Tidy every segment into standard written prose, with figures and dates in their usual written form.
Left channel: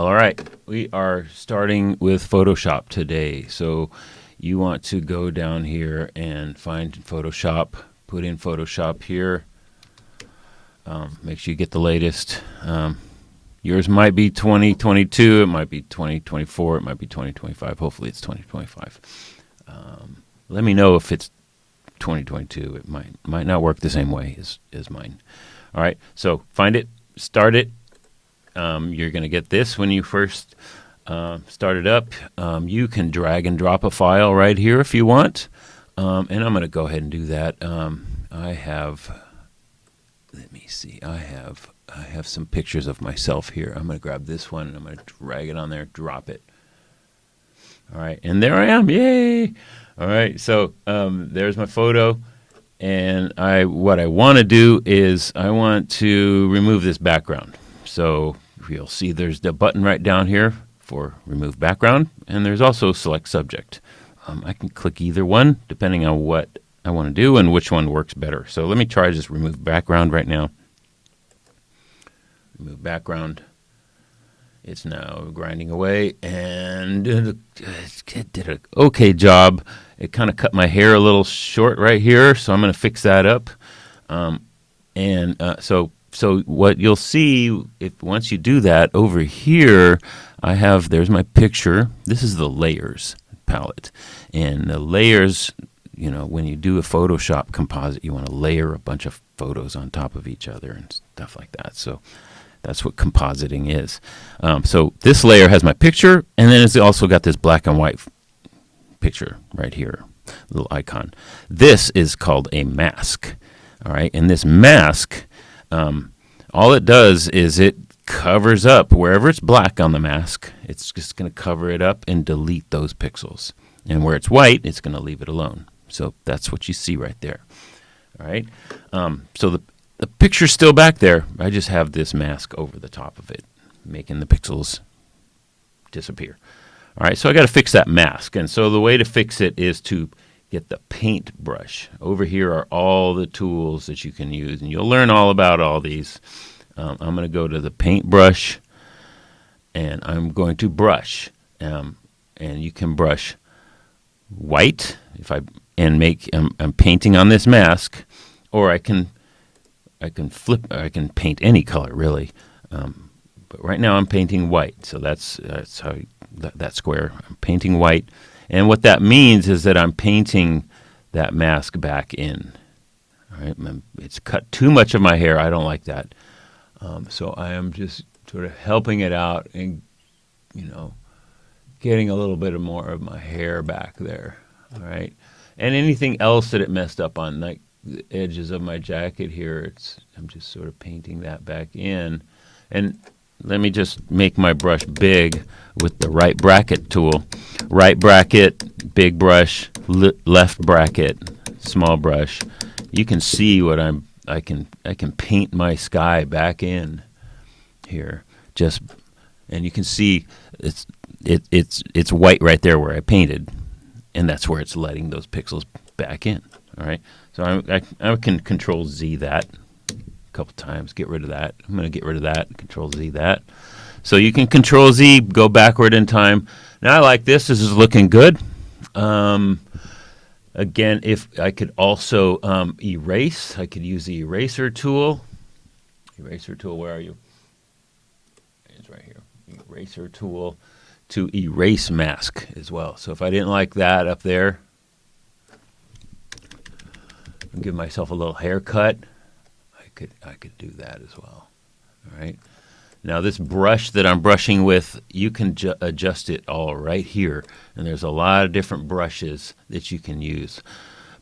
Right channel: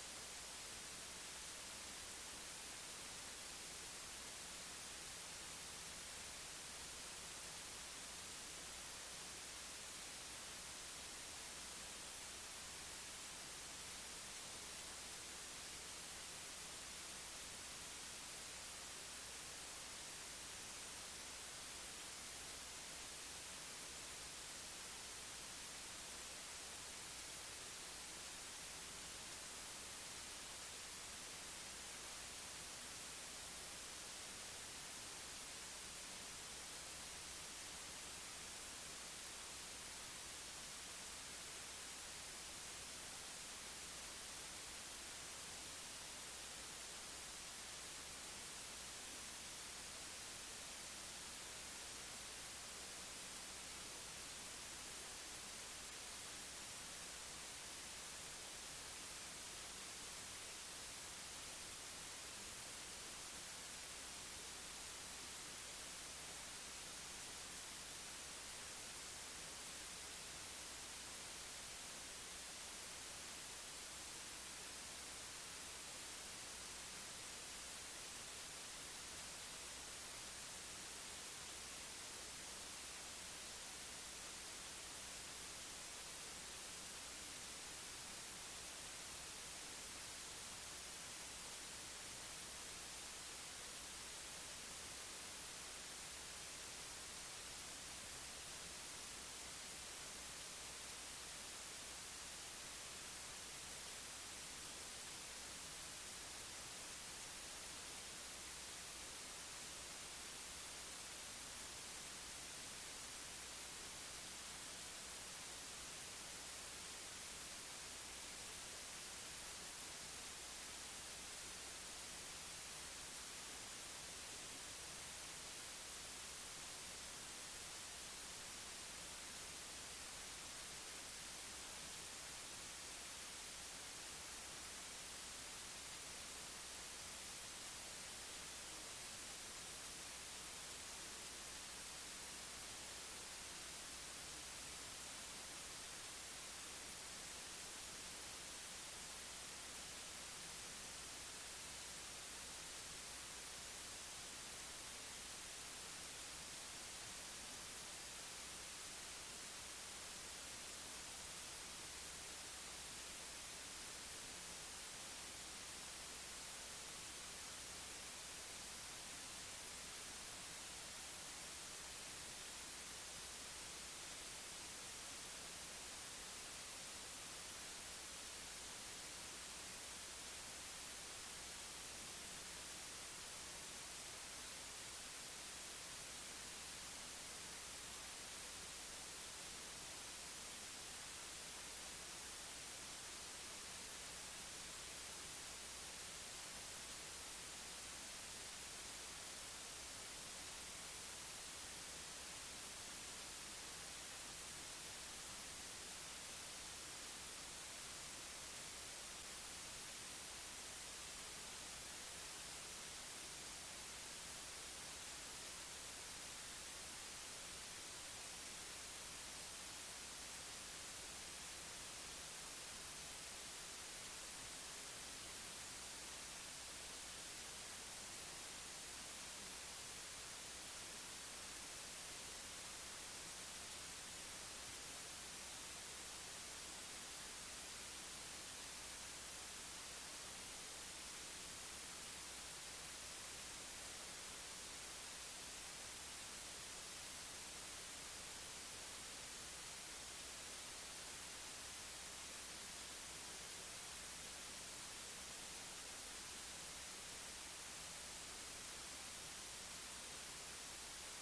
All right, we are starting with Photoshop today. So you want to go down here and find Photoshop, put in Photoshop here. Make sure you get the latest. Yours might be 2022, it might be 2024, it might be 2025. Hopefully it's 2025. Let me know if it's 2022. It might not work the same way as mine. All right, so find it, start it. You're going to get this when you first start it up. You can drag and drop a file right here if you want. And I'm going to go ahead and do that. I have, let me see, I have some pictures of myself here. I'm going to grab this one and I'm going to drag it on there, drop it. All right, and there I am. Yay! All right, so there's my photo. And what I want to do is I want to remove this background. So you'll see there's the button right down here for remove background, and there's also select subject. I can click either one depending on what I want to do and which one works better. So let me try just remove background right now. Remove background. It's now grinding away, and it did an okay job. It kind of cut my hair a little short right here, so I'm going to fix that up. So what you'll see, once you do that, over here, there's my picture. This is the layers palette. And the layers, when you do a Photoshop composite, you want to layer a bunch of photos on top of each other and stuff like that. So that's what compositing is. So this layer has my picture, and then it's also got this black and white picture right here, little icon. This is called a mask. All right, and this mask, all it does is it covers up wherever it's black on the mask. It's just going to cover it up and delete those pixels. And where it's white, it's going to leave it alone. So that's what you see right there. All right. So the picture's still back there. I just have this mask over the top of it, making the pixels disappear. All right. So I got to fix that mask. And so the way to fix it is to get the paint brush. Over here are all the tools that you can use, and you'll learn all about all these. I'm going to go to the paint brush, and I'm going to brush. And you can brush white I'm painting on this mask, or I can paint any color really. But right now I'm painting white, so that's how that square. I'm painting white. And what that means is that I'm painting that mask back in. All right, it's cut too much of my hair. I don't like that. So I am just sort of helping it out and, getting a little bit more of my hair back there. All right. And anything else that it messed up on, like the edges of my jacket here, I'm just sort of painting that back in. And let me just make my brush big with the right bracket tool. Right bracket, big brush, left bracket, small brush. You can see what I can paint my sky back in here. And you can see it's white right there where I painted, and that's where it's letting those pixels back in. All right. So I can Control Z that a couple times, get rid of that. I'm going to get rid of that, Control Z that. So you can Control Z, go backward in time. Now I like this. This is looking good. Again, if I could also erase, I could use the eraser tool. Eraser tool, where are you? It's right here. Eraser tool to erase mask as well. So if I didn't like that up there, give myself a little haircut, I could do that as well. All right. Now this brush that I'm brushing with, you can adjust it all right here. And there's a lot of different brushes that you can use.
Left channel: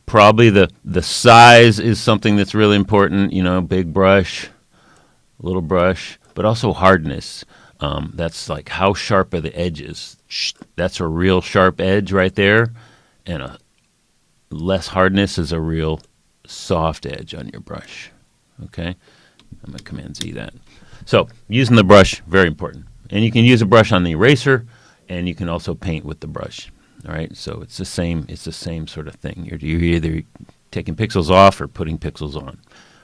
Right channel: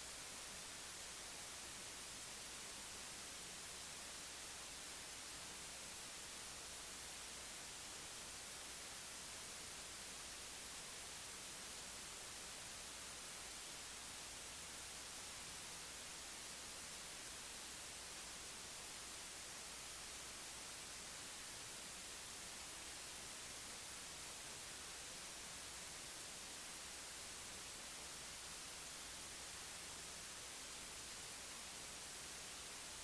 Probably the size is something that's really important, big brush, little brush, but also hardness. That's like how sharp are the edges. That's a real sharp edge right there. And a less hardness is a real soft edge on your brush. Okay? I'm going to Command Z that. So using the brush, very important. And you can use a brush on the eraser, and you can also paint with the brush. All right, so it's the same sort of thing. You're either taking pixels off or putting pixels on.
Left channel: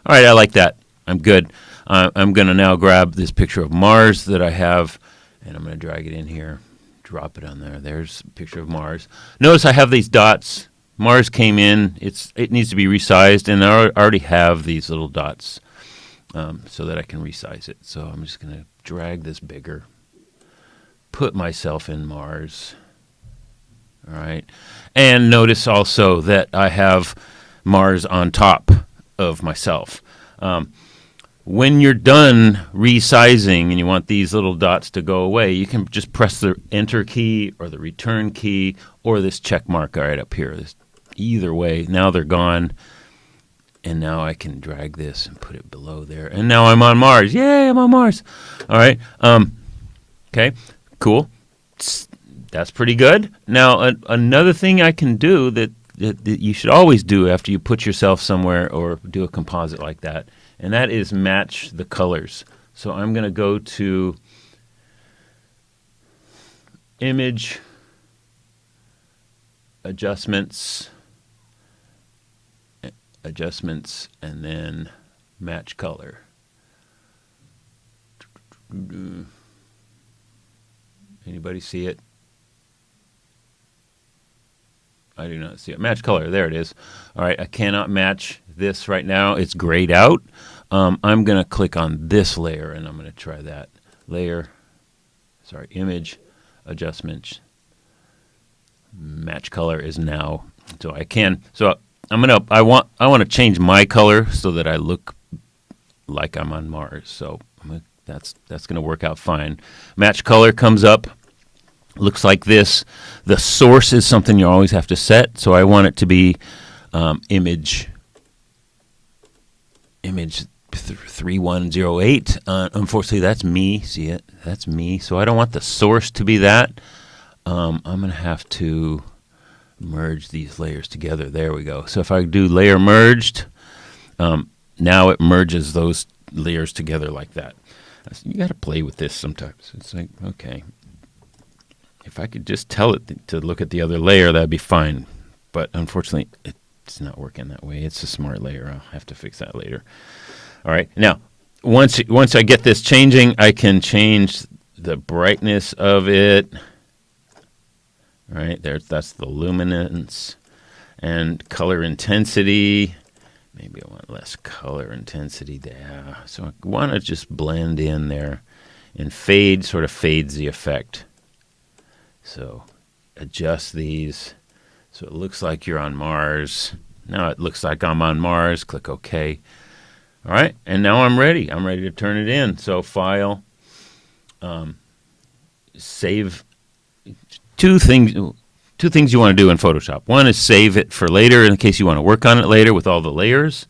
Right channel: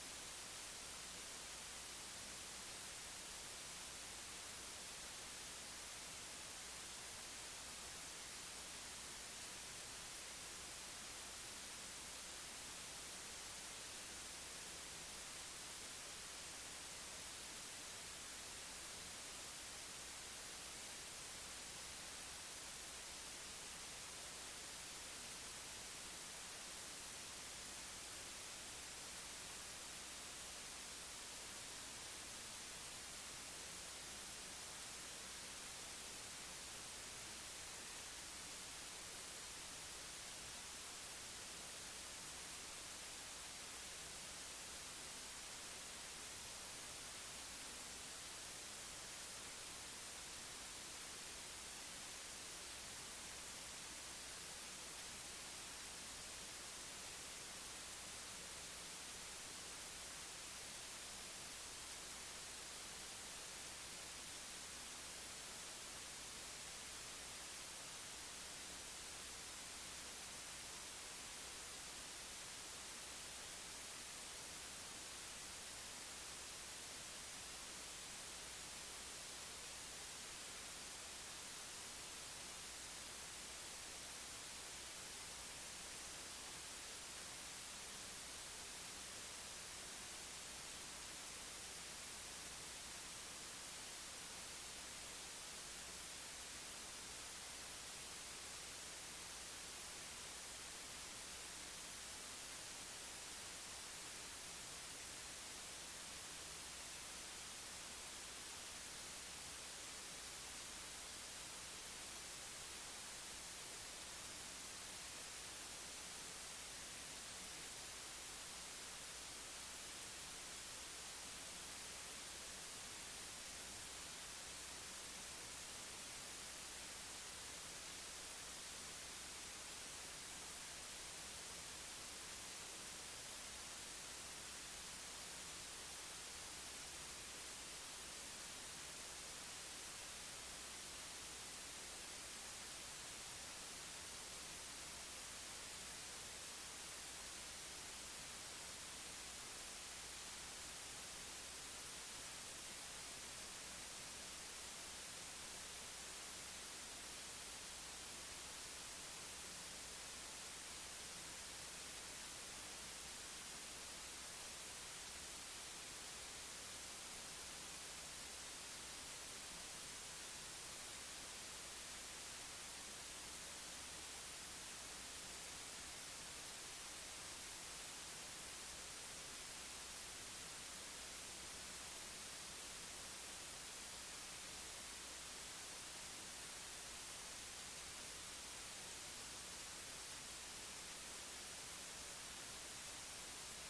All right, I like that. I'm good. I'm going to now grab this picture of Mars that I have, And I'm going to drag it in here, drop it on there. There's a picture of Mars. Notice I have these dots. Mars came in. It needs to be resized, and I already have these little dots so that I can resize it. So I'm just going to drag this bigger, put myself in Mars. All right. And notice also that I have Mars on top of myself. When you're done resizing and you want these little dots to go away, you can just press the Enter key or the Return key or this check mark right up here. Either way, now they're gone. And now I can drag this and put it below there. And now I'm on Mars. Yay, I'm on Mars. All right. Okay, cool. That's pretty good. Now, another thing I can do that you should always do after you put yourself somewhere or do a composite like that, and that is match the colors. So I'm going to go to Image, Adjustments, and then Match Color. Anybody see it? I do not see it. Match color. There it is. All right. I cannot match this right now. It's grayed out. I'm going to click on this layer, and I'm going to try that. Image, Adjustments, Match Color is now. So I can. So I want to change my color so that I look like I'm on Mars. So that's going to work out fine. Match Color comes up. Looks like this. The source is something you always have to set, so I want it to be image 3108. Unfortunately, that's me. See it? That's me. So I don't want the source to be that. I'm going to have to merge these layers together. There we go. So if I do layer merged, now it merges those layers together like that. You got to play with this sometimes. It's like, okay. If I could just tell it to look at the other layer, that'd be fine. But unfortunately, it's not working that way. It's a smart layer. I'll have to fix that later. All right. Now, once I get this changing, I can change the brightness of it. All right. That's the luminance and color intensity. Maybe I want less color intensity there. So I want to just blend in there, and fade sort of fades the effect. So adjust these so it looks like you're on Mars. Now it looks like I'm on Mars. Click OK. All right, and now I'm ready. I'm ready to turn it in. So File, Save. Two things you want to do in Photoshop. One is save it for later in case you want to work on it later with all the layers.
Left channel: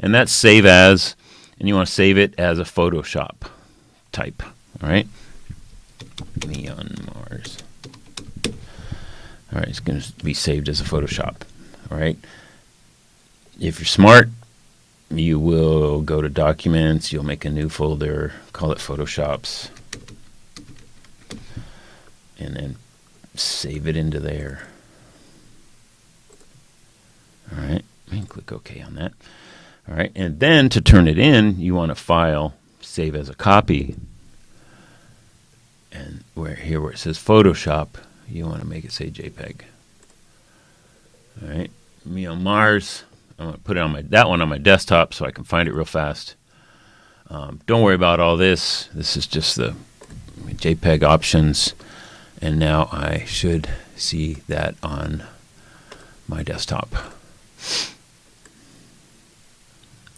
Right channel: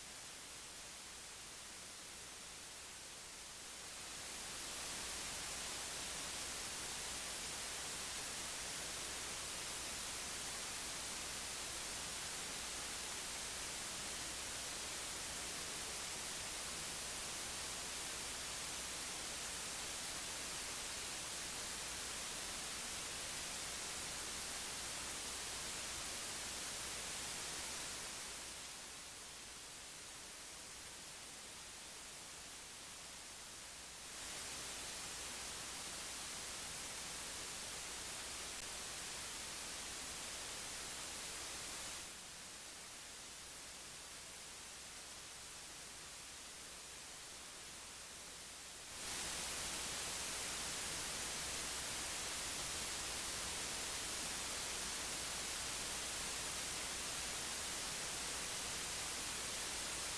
And that's Save As, and you want to save it as a Photoshop type. All right, me on Mars. All right, it's going to be saved as a Photoshop. All right. If you're smart, you will go to Documents. You'll make a new folder, call it Photoshops, and then save it into there. All right, and click OK on that. All right, and then to turn it in, you want to File, Save as a Copy, and where it says Photoshop, you want to make it say JPEG. All right, me on Mars. I'm going to put it on that one on my desktop so I can find it real fast. Don't worry about all this. This is just the JPEG options, and now I should see that on my desktop.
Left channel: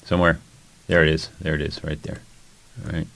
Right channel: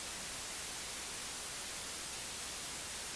Somewhere. There it is. There it is, right there. All right.